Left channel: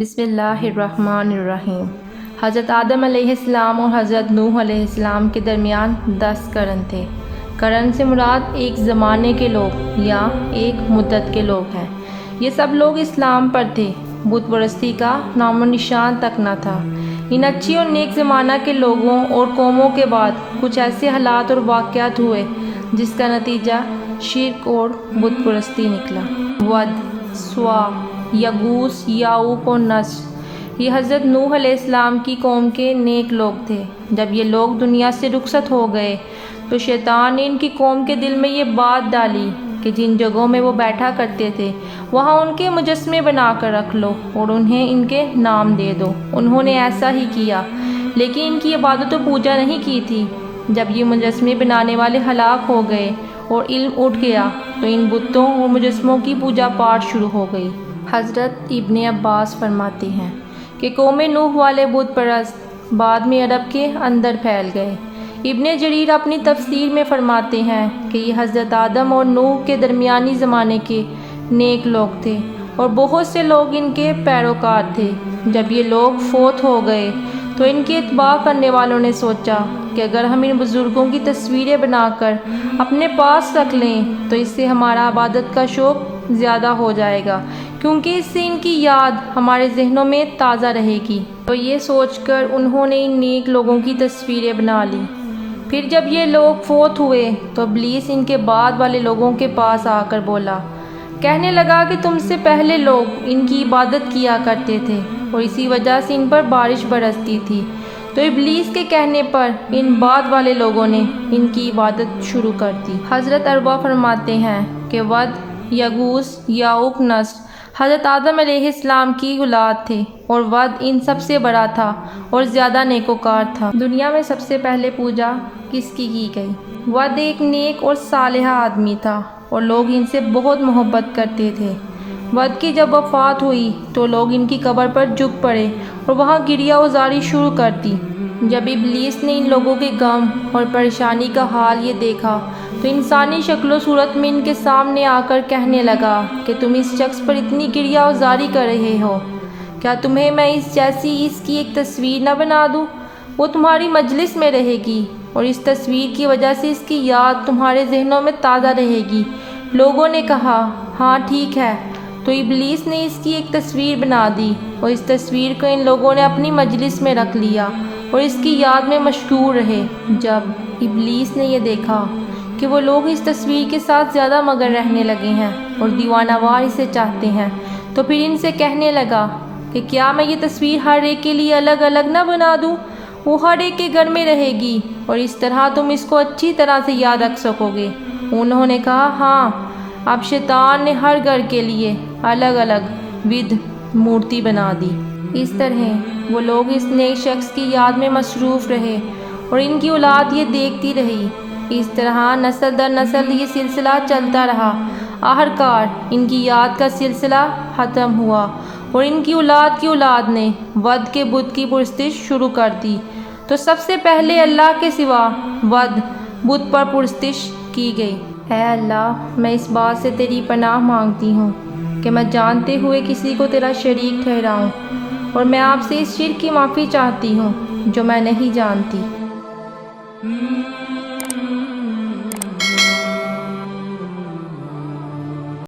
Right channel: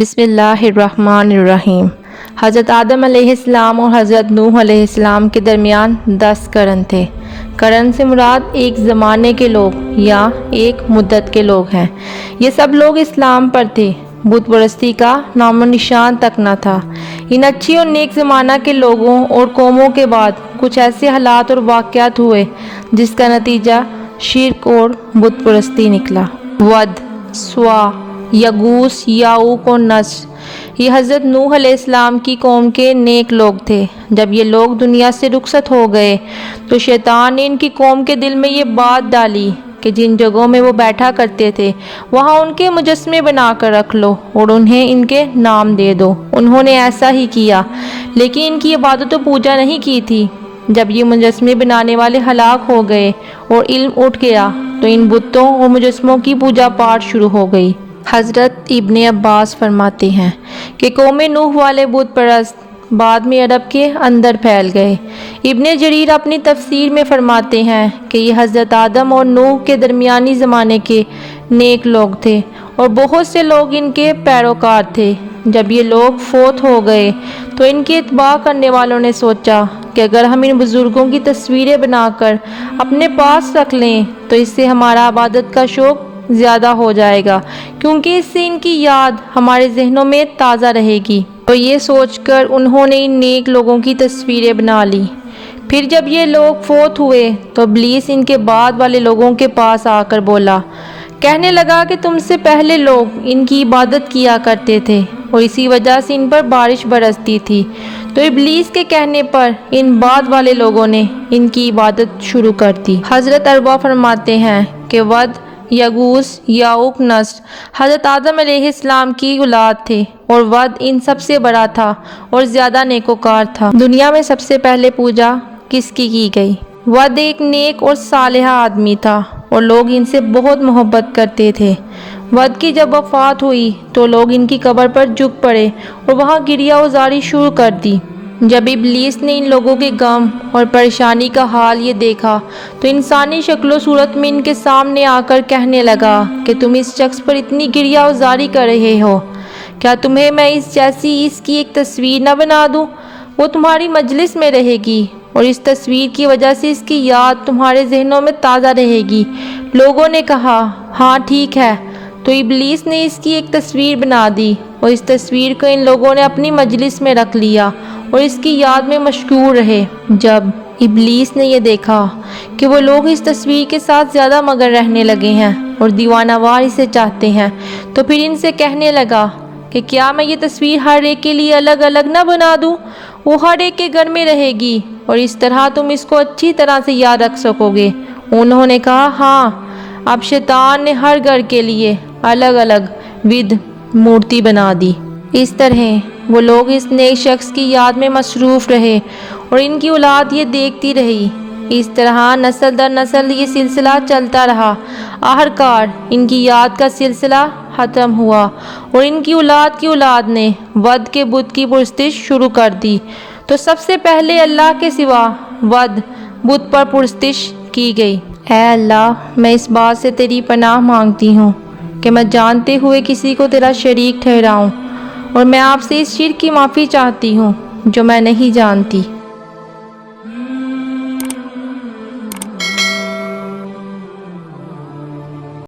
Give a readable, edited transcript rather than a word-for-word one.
بسم اللہ الرحمن الرحیم۔ حضرت آدم علیہ السلام اور حضرت نوح علیہ السلام کے درمیان 10 قرن تھے۔ قرن سے مراد ایک زمانے کے لوگ یا ایک مدت کے لوگ ہیں۔ یہ سب لوگ اسلام پر تھے، بت پرستی کا نام و نشان تک نہ تھا۔ ان اچھی اور نیک زمانہ کے لوگوں اور قوموں کے بعد کچھ ایسے حالات اور واقعات ہوئے جس کا نتیجہ شرک اور بت پرستی نکلا۔ ود، سوا، یغوث، یعوق اور نصر یہ حضرت نوح علیہ السلام کی قوم کے نیک لوگ تھے۔ جب یہ لوگ دنیا سے رخصت ہو گئے تو شیطان نے ان کی قوم کے دل میں یہ بات ڈالی کہ جن جگہوں میں وہ بیٹھا کرتے تھے وہاں ان کے مجسمے بنا کر رکھ لو اور انہیں ان کے نام دے دو۔ انہوں نے ایسا ہی کیا، لیکن ان کی عبادت و پوجا نہیں کی تھی۔ جب یہ مجسمے بنانے والے ہلاک ہو گئے اور علم اٹھ گیا تو ان بتوں اور مجسموں کی پوجا پاٹ شروع ہو گئی۔ حضرت ابن عباس فرماتے ہیں کہ قوم نوح والے بت پرست بعد میں عرب کے اندر پھیل گئے۔ ابن جریر اپنی تفسیر میں فرماتے ہیں کہ یہ حضرت آدم اور نوح کے درمیانی زمانے کے نیک لوگ تھے اور بہت سے لوگ ان کے پیروکار تھے۔ جب یہ لوگ فوت ہو گئے تو ان کے اتباع کرنے والوں نے سوچا کہ اگر ہم ان بزرگوں کی تصویریں بنا کر اپنے پاس رکھ لیں تو اس سے ہمارا عبادت کا شوق زیادہ ہو جائے گا، کیونکہ اس سے ان کی یاد ہمارے ذہنوں میں تازہ رہے گی۔ تو یہ سوچ کر انہوں نے ان نیک لوگوں کی تصویریں بنا لی۔ پھر جب یہ لوگ فوت ہوئے تو ابلیس ان کے بعد والے لوگوں کے پاس آ کر بولا، کہنے لگا کہ تم سے پہلے لوگ ان کی عبادت کیا کرتے تھے اور اسی وجہ سے ان پر بارش برستی تھی۔ تو ابلیس کے کہنے پر ان بعد والے لوگوں نے ان کی عبادت شروع کر دی۔ حضرت عربہ فرماتے ہیں کہ ود، یغوث، یعوق، نصر حضرت آدم علیہ السلام کی اولاد تھے اور ود ان سب سے بڑا تھا اور زیادہ نیکوکار تھا۔ دنیا میں سب سے پہلے پوجا کس کی گئی؟ ود ایک نیک اور صالح آدمی تھا اور لوگ ان سے بہت محبت کرتے تھے۔ ود کی جب وفات ہوئی تو لوگ ان کی قبر پر جھک پڑے اور وہاں گریہ ازاری شروع کر دی۔ جب ابلیس نے ان لوگوں کے غم اور پریشانی کا حال یہ دیکھا تو انسانی شکل و صورت میں ان کے سامنے آ کر کہنے لگا کہ تم اس شخص پر اتنی گریہ ازاری کر رہے ہو، کیا تمہیں میں اس جیسی اس کی ایک تصویر نہ بنا دوں؟ وہ تمہاری مجلس میں رہے گی اور اس تصویر کی وجہ سے اس کی یاد تمہارے ذہنوں میں تازہ رہے گی۔ لوگوں نے کہا، ہاں ٹھیک ہے۔ تو ابلیس نے اس کی ایک تصویر بنا دی اور اس تصویر کو ان لوگوں نے اپنی مجلس میں رکھ لیا اور اس کی یاد میں مشغول رہے۔ جب ابلیس نے یہ دیکھا کہ وہ لوگ اس تصویر کے ساتھ زیادہ مگن رہنے لگے ہیں اور دیوانہ وار اسے چاہتے ہیں تو پھر ان سے کہنے لگا کہ کیا میں یہ تصویر ہر ایک کے لیے الگ الگ نہ بنا دوں؟ وہ ہر ایک کے گھر میں رہے گی اور اس طرح تم اس کو اچھی طرح سے یاد رکھ سکو گے۔ انہوں نے کہا، ہاں۔ اب شیطان نے ہر گھر کے لیے الگ الگ ود مورتی بنا دی۔ اس طرح وہ لوگ اس نیک شخص کی یاد میں مصروف رہے اور ان کی اولاد یہ دیکھتی رہی۔ اس طرح نسل در نسل یہ سلسلہ چلتا رہا۔ آخرکار ان کی یاد کا سلسلہ ختم ہوا اور ان کی اولاد نے ود کے بت کی پرستش شروع کر دی۔ تو سب سے پہلے اللہ کے سوا ود بت پر پرستش کی گئی۔ اے اللہ، میں اس بات سے تیری پناہ مانگتی ہوں کہ میں جانتے ہوئے کسی کو تیرا شریک ٹھہراؤں، اور میں آپ سے اس شرک کی معافی چاہتی ہوں جو میں نہیں جانتی۔